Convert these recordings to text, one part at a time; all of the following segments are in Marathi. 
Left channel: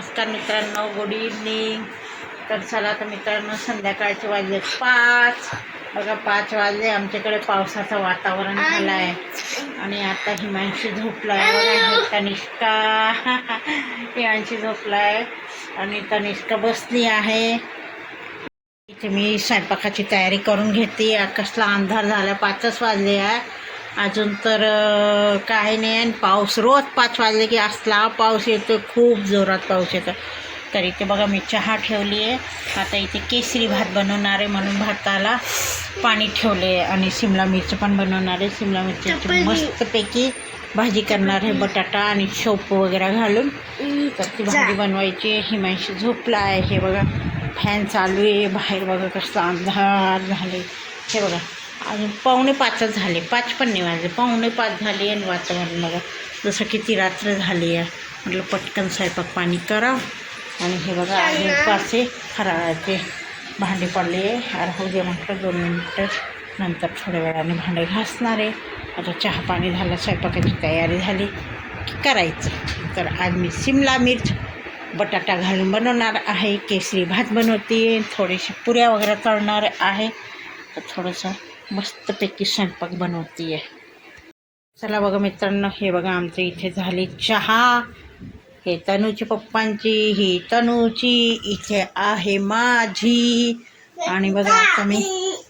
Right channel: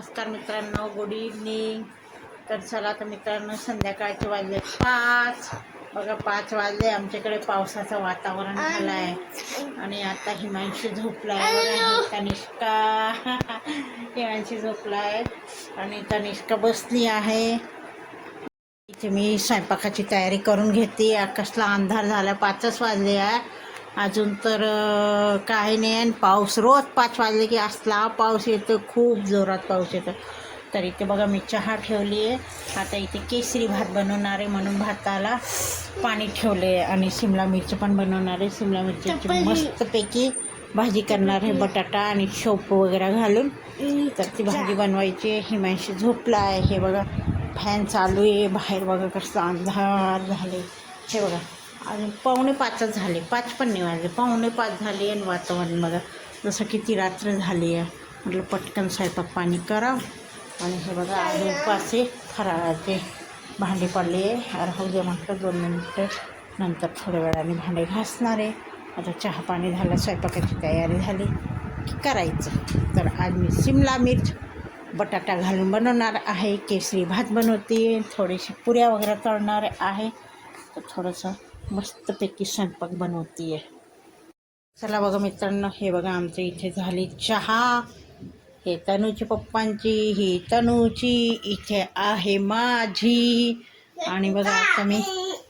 नमस्कार मित्रांनो गुड इव्हनिंग तर चला तर मित्रांनो संध्याकाळचे वाजले पाच. बघा पाच वाजले. आमच्याकडे पावसाचं वातावरण झालं आहे आणि आता हिमांशी झोपला आहे तनिष्का. हिमांशी झोपला आहे आणि तनिष्का बसली आहे. इथे मी स्वयंपाकाची तयारी करून घेते. आकाशला अंधार झाला. पाचच वाजले आहे. अजून तर काही नाही आणि पाऊस रोज पाच वाजले की असला पाऊस येतो खूप जोरात पाऊस येतो. तर इथे बघा मी चहा ठेवली आहे. आता इथे केसरी भात बनवणार आहे म्हणून भाताला पाणी ठेवले आहे आणि शिमला मिरची पण बनवणार आहे. शिमला मिरच्याची मस्तपैकी भाजी करणार आहे बटाटा आणि शोप वगैरे घालून. तर ती भाजी बनवायची. हिमांशी झोपला आहे हे बघा फॅन चालू आहे. बाहेर बघा कसं अंधार झाली. हे बघा. अजून पावणे पाचच झाले. पाच पण नाही वाजले. पावणे पाच झाले आणि वातावरण बघा. जसं किती रात्र झाली आहे. म्हटलं पटकन स्वयंपाक पाणी करा. आणि हे बघा आज उपासे फराळाचे भांडे पडले. राहू दे म्हटलं दोन मिनटं. नंतर थोड्या वेळाने भांडे घासणार आहे. आता चहा पाणी झालं स्वयंपाकाची तयारी झाली. की करायचं? तर आज मी शिमला मिर्च बटाटा घालून बनवणार आहे. केसरी भात बनवते. थोडीशी पुऱ्या वगैरे तळणार आहे. तर थोडंसं मस्तपैकी स्वयंपाक बनवते आहे चला बघा मित्रांनो हे बघा आमच्या इथे झाली चहा. हे तनूची पप्पांची ही तनूची इथे आहे माझी. आणि बघा आता मी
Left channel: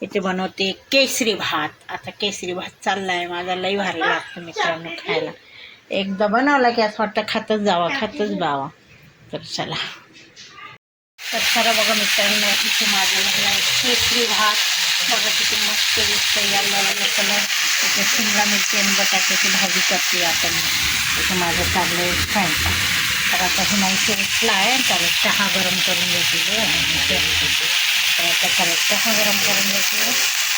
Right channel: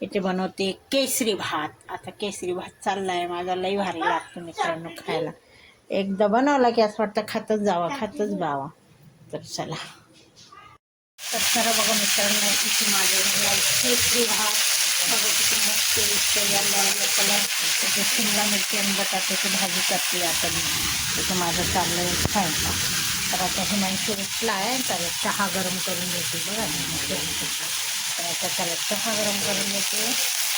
इथे बनवते केसरी भात. आता केसरी भात चालला आहे माझा लई भारी लागतो मित्रांनो खायला. एकदा बनवला की असं वाटतं खातच जावा खातच जावा. तर चला. तर खरं बघा मित्रांनो इथे माझ्या केसरी भात. बघा किती मस्त शिमला मिरची आणि बटाट्याची भाजी करते आपण माझं चाललं स्वयंपाक तर आता हिमांशी उठला आहे त्याने चहा गरम करून घेतलेली आहे तर आता चहा गरम करून घेतली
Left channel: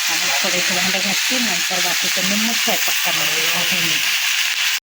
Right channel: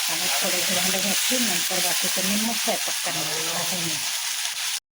आणि थोडे भांडे घातली नंतर बाकीचं निम्मूच स्वयंपाक करायला